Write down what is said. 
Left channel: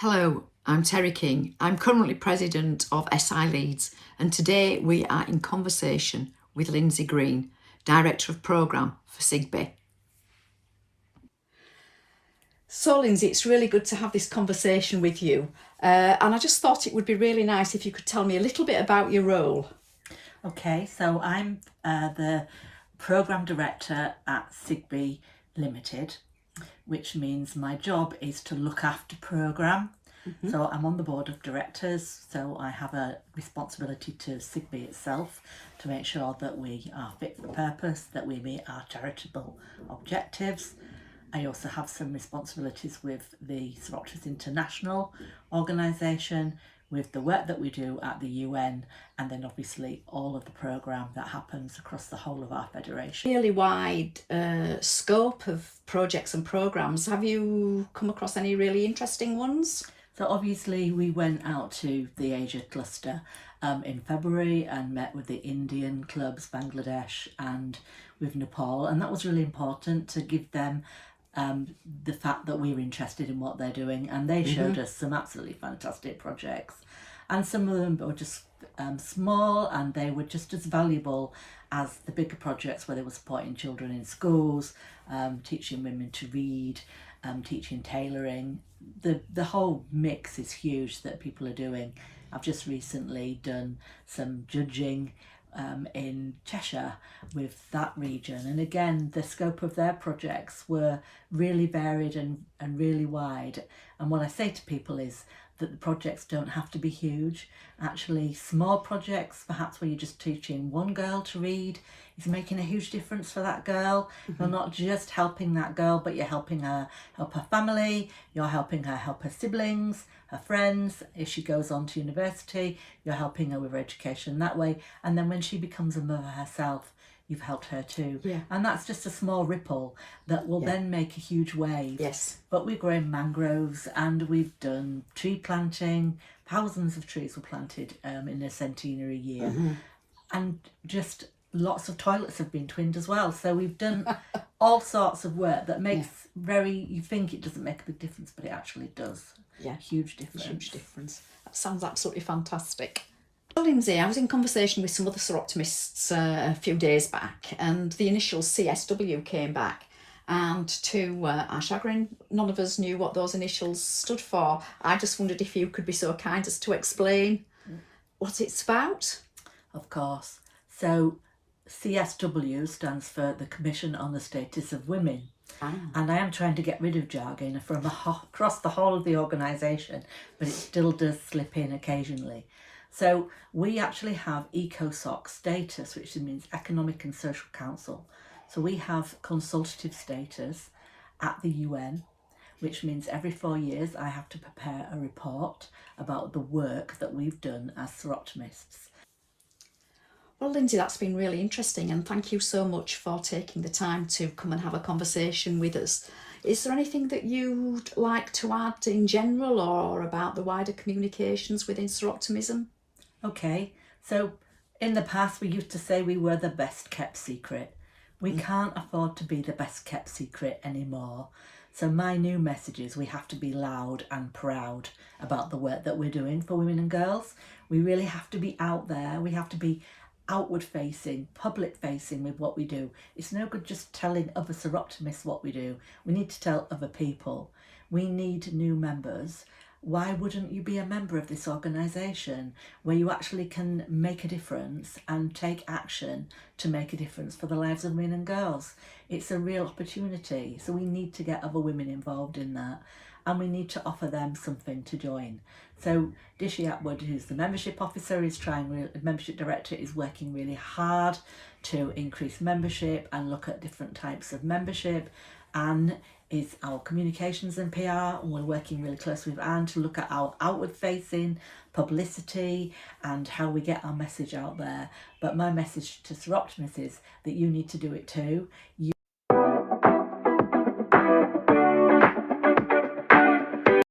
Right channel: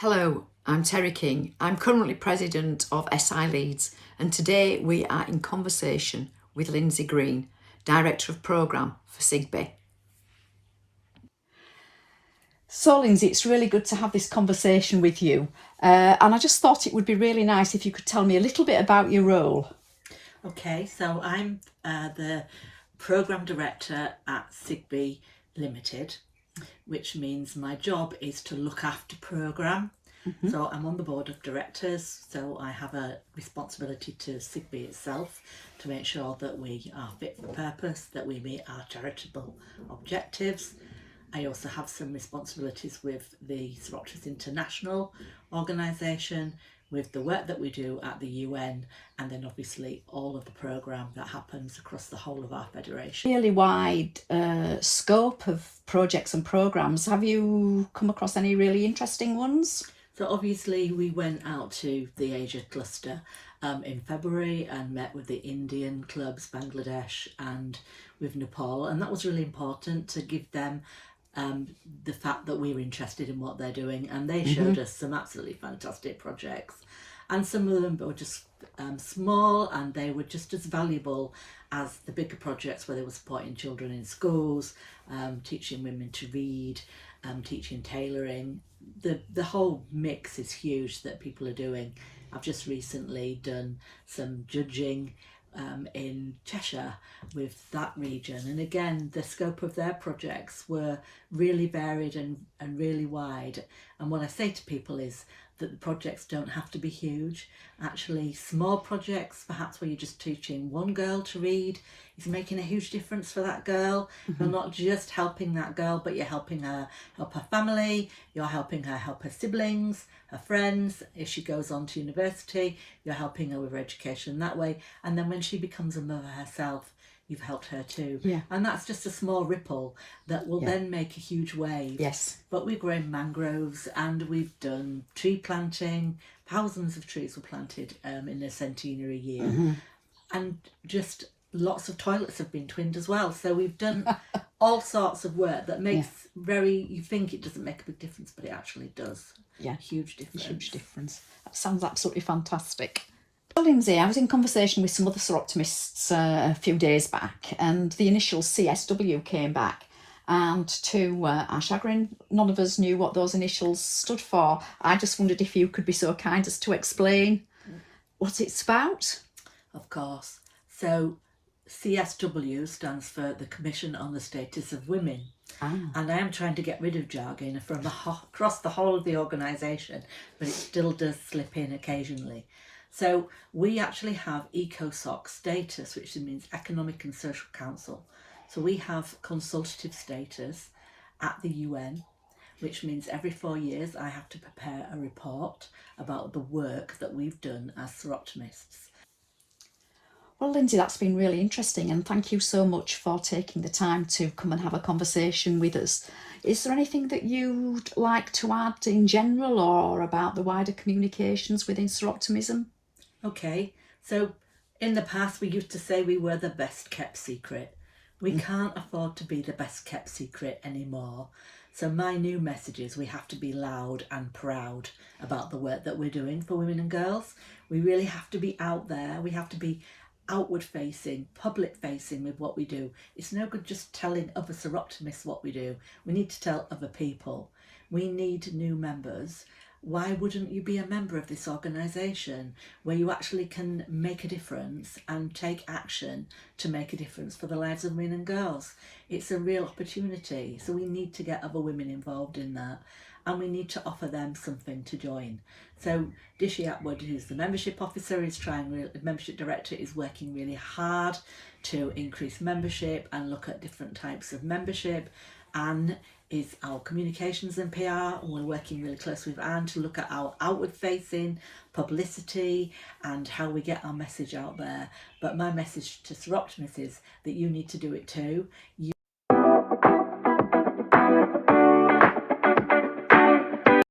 Hello, I'm Terry King. I'm currently president of SI Leeds, and today we are in conversation with Lindsay Green, Director of Programme for SIGB. So Lindsay, it's really good to have this conversation with you. And I just thought it would be really nice if you could tell me a little bit about your role. Okay, so I'm the Programme Director at SIGB Limited, which means my job is to look after programme. So I'm on the board of directors, so I have a responsibility to SIGB itself to make sure that we are fit for purpose, that we meet our charitable objectives. I also have some responsibilities with the Seroptis International organisation, with the work that we do at the UN, and then obviously all of the programme that happens across the whole of our federation. Really wide scope of projects and programmes. Have you come across any really interesting ones? So obviously we went out to the Asia cluster in February and met with the Indian clubs, Bangladesh and with Nepal, and that was really important to give them the fact that we were interested in what they're doing, and they showed us some absolutely fantastic projects, and some of them were just small, and they were just as valuable as the bigger projects where they were supporting children in schools, teaching women to read, teaching tailoring. The whole mix is huge that people are doing. I've just recently done some judging in Cheshire with that region, and again the scope of their projects were really varied and really wide. And what I say to people is that the projects don't have to be huge. Actually, small projects, perhaps where you're just teaching one girl to read, is making a huge difference for that girl. You're not just helping that girl, but you're helping her help her family, you're helping her help her siblings, her friends. If she goes on to university, you're helping her with her education that way. And then when she becomes a mother herself, you've helped her too. Yeah. And that's just a small ripple that will then make a huge wave. Yes. But we've grown mangroves and we've done tree planting. Thousands of trees were planted in a centenary year. And just lots of toilets have been twinned as well. So we've done all sorts of work that makes you think it doesn't make a big difference, but it actually does. Yeah. Huge difference. Huge difference. That sounds absolutely fantastic. Well, Lindsay, I was in conversation with some other seroptimists a few days back, and the initials CSW came back. And to our chagrin, none of us knew what those initials stood for. I just wondered if you could be so kind as to explain what it's about. Of course. So CSW stands for the Commission on the Status of Women. And I am trying to get rid of jargon from across the whole of the organisation, but it still does slip in occasionally. So we actually have ECOSOC status, which means Economic and Social Council. So we have consultative status at the UN, which means every 4 years I have to prepare a report about the work that we've done as seroptimists. Well, Lindsay, that's been really interesting, and thank you so much for taking the time to come and have a conversation with us. Is there anything that you'd like to add in general or about the wider communications within seroptimism? Okay, so in the past we used to say we were the best kept secret. We can't afford to be the best kept secret anymore. So my new message is we have to be loud and proud about the work that we're doing for women and girls. We really have to be out there. We have to be outward facing, public facing with what we do. It's no good just telling other seroptimists what we do. We need to tell other people. We need new members. Why wouldn't you be a member of this organisation where you actually can make a difference and take action to make a difference for the lives of women and girls? It's a real opportunity. So we need to get other women involved in that, and we need to offer them something to join. So Dishi Atwood, who's the membership officer, the membership director, is working really hard to increase membership and look at different types of membership. Anne is our communications and PR, and we're working really closely with Anne to look at our outward facing publicity and how we get our message out there. But my message to seroptimists is that you need to do it too.